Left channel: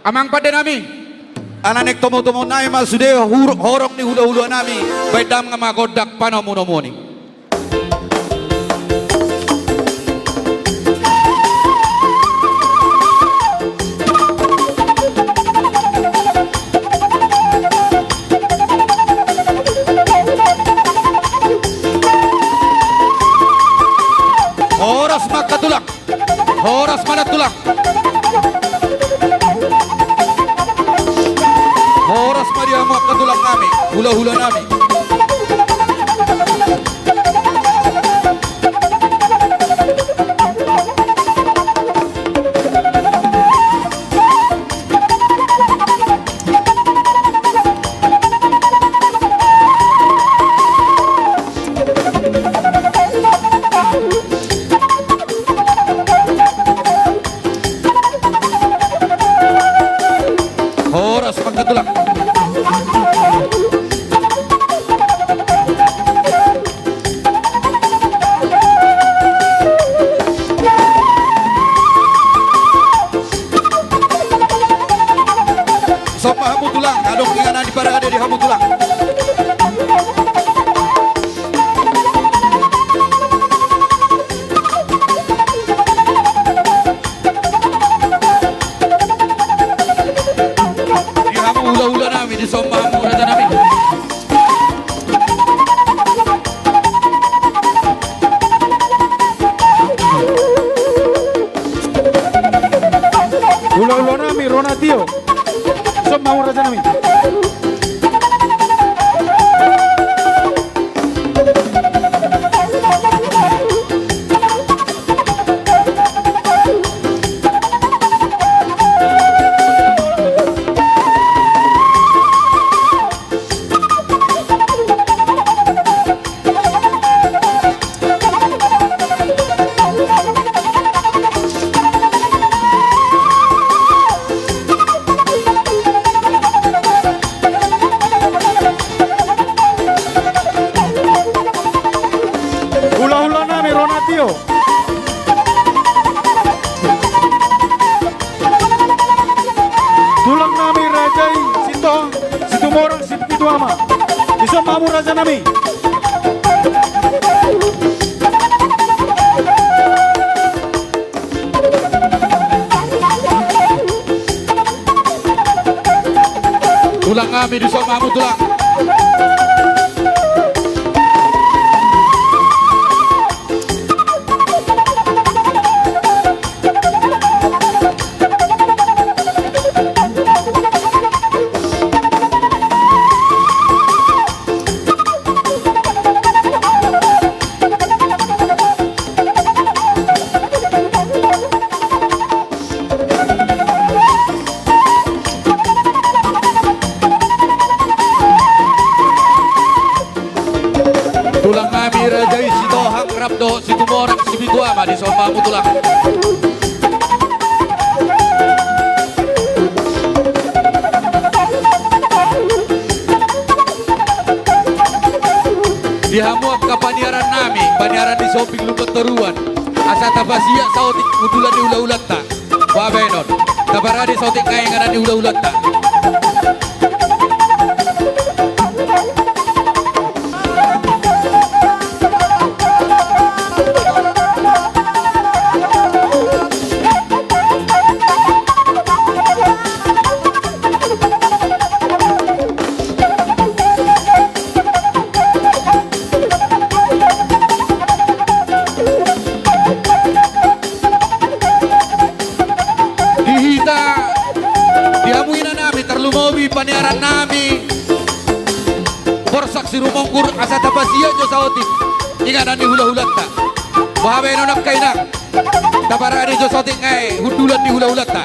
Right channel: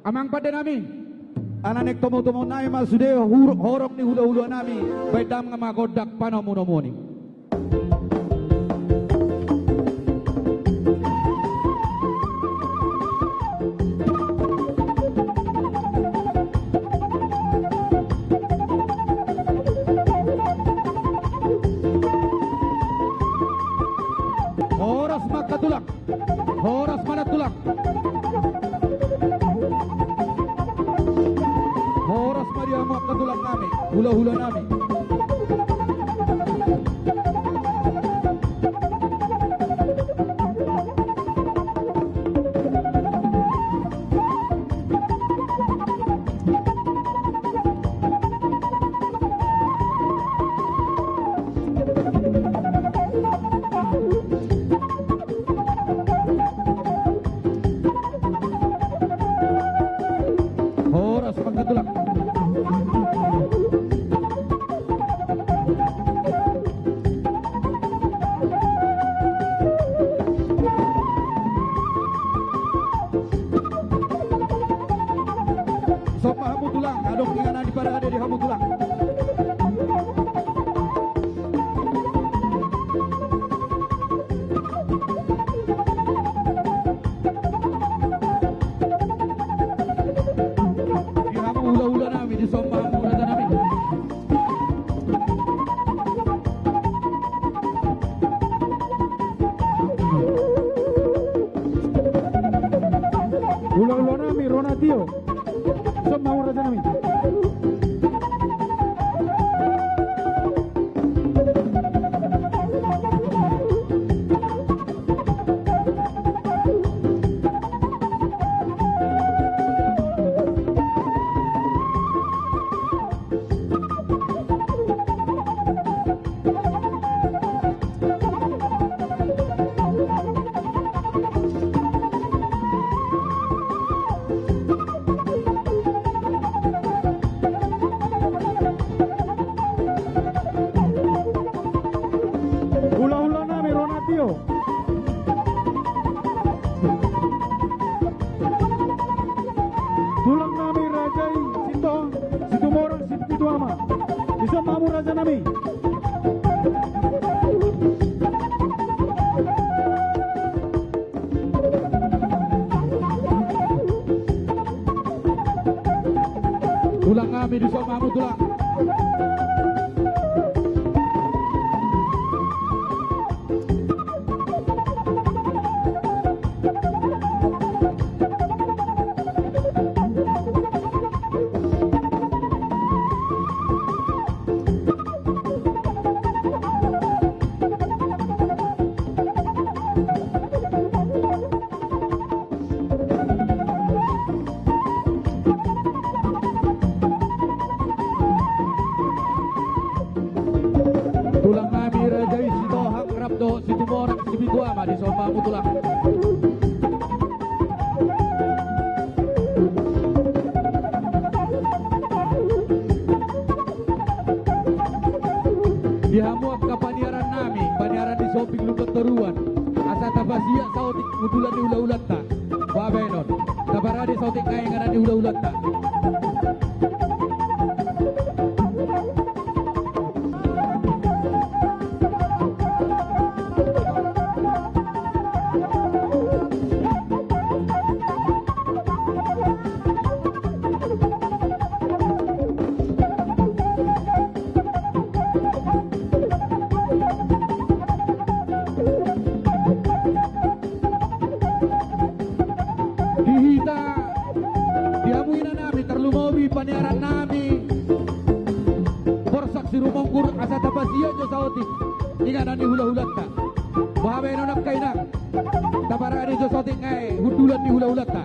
Amang pada nami. Ananek tomo-tomo na masude horok ni hula-hula nami. Baidam nga magodak panamunomoni. Horas makatulak. Horas manatulak. Horas Maria makatulak nami. Hula-hula nami. Horas makatulak. Sopa hamutulang, adong inganan di para ada di hamutulang. Di hamu hula-hula nami, di sopa hamu rata nami. Hula-hula nami, Ronatio. Som mau raja nami. Hula-hula nami, Ronatio. Tulang nami rajai situ morang situ ama. Iso mamu raja nami. Tulang kami di sopa hamu tulang. Tulang kami rajai sito hang rapdo situ morang sibitu ama di sopa hamu tulang. Di hamuap ka paniaran nami, paniaran di soping lupat teruan. Asa tabasia sautik udulan di ulah-ulat ta. Wabenon, tabaradi sautik kayangan di ulah-ulat ta. Dihita, dihamuin na namin, terlumawi paniaran nami. Borsak si rumongkur asa tapasiya nyo sa otik. Inganan ni hula-hulat ta. Bahabay no nakainak. Tabaraan nyo sa otik ngay, hudulan ni hula-hulat ta.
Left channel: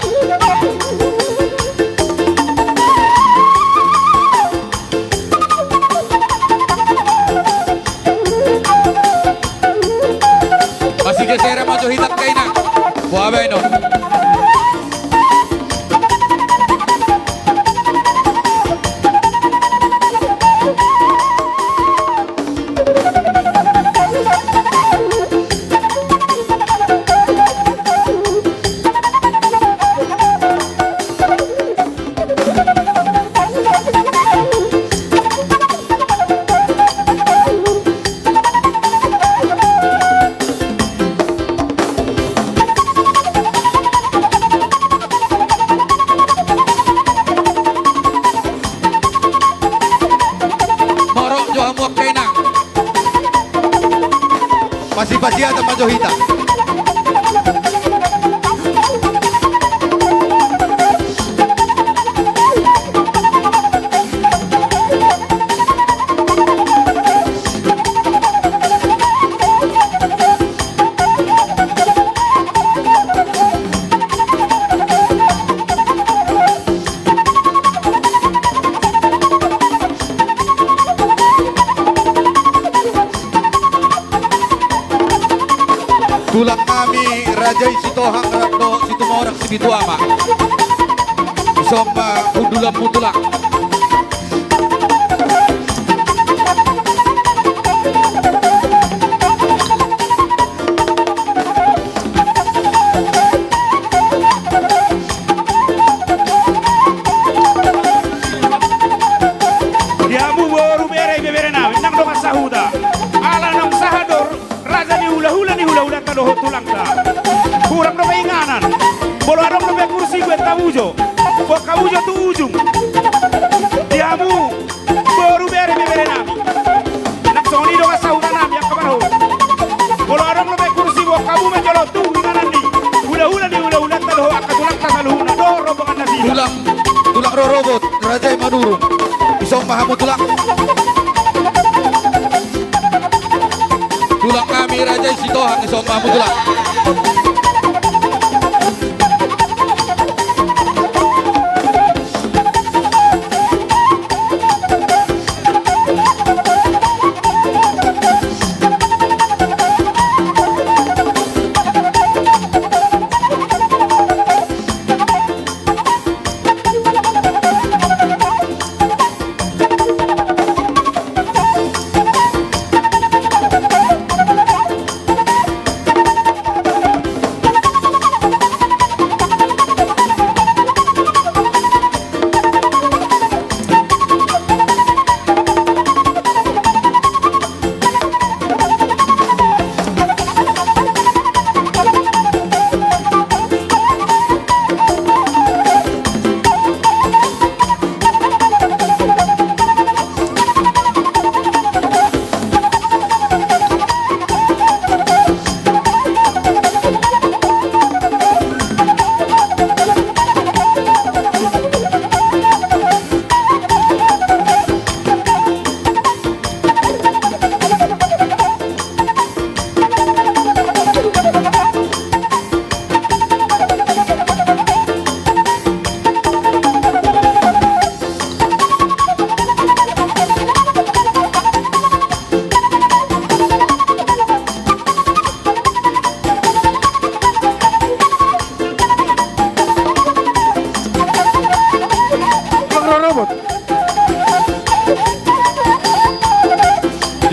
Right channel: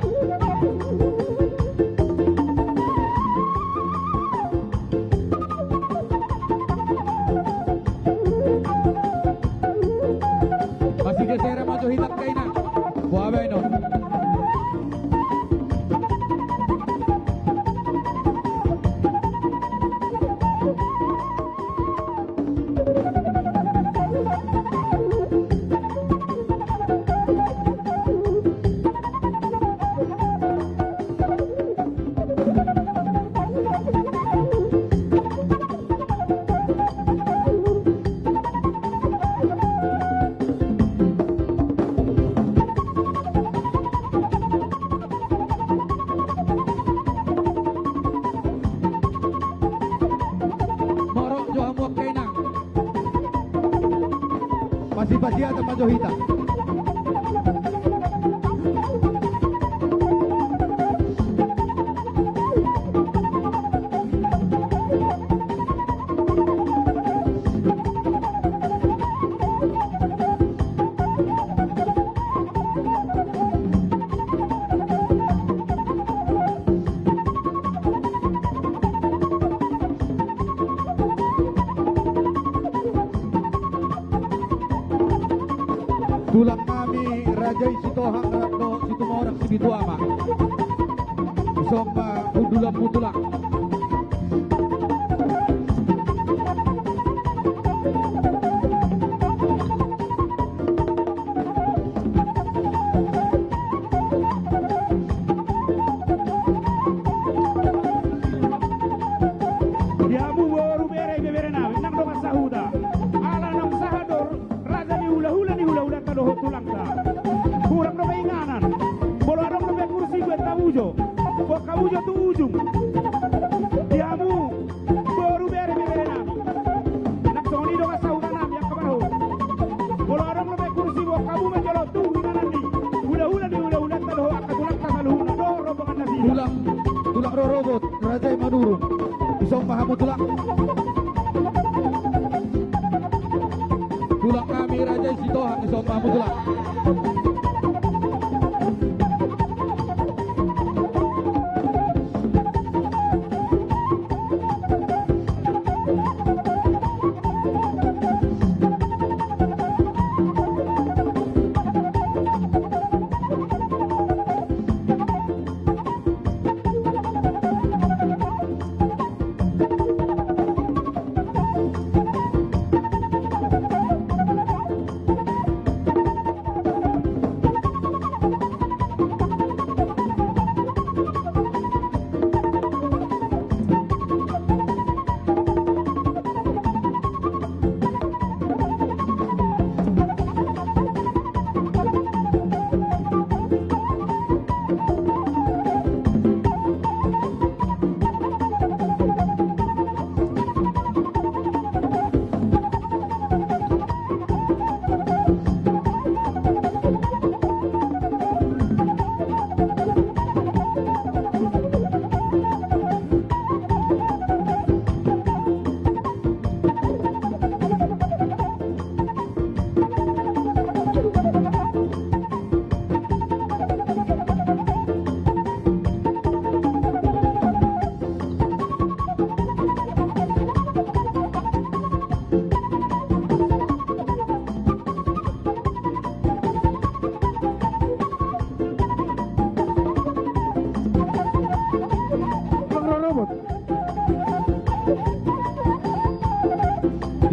Masih gesera maju hitak kainak. Bahabay no. Rajay si Tohang Ratno si Tumorak si Bituama. Isong undulan mutulak. Diamu baru bere nawi nang dong sahuda. Ala nang sahador raja ni hula-hula tadoh tulang ta. Kurang dong inganan. Bolo adong dong kursi gue tamujo. Bo kamujo tu ujung. Diamu baru bere nawi. Nang soni dong sahuda nami yang kemana? Bolo adong dong kursi bo kamu menjolo tu inganan ni. Hula-hula tadoh akatulang ta saluhuna do rombongan nasi. Tulang rorobot Rajay Madurung. Isong mahamut tulang. Tulang kami Rajay si Tohang isong mahamut tulang.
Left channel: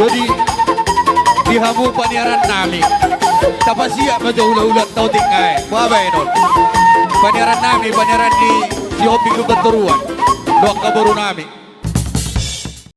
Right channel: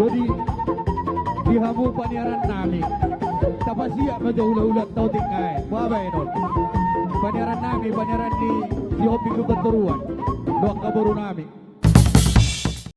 Jadi dihamu paniaran nami. Tapasiya medyo hula-hula tau tingay. Mabay non. Paniaran nami, paniaran ni si Hopi Kebenturuan. Doak kaburu nami.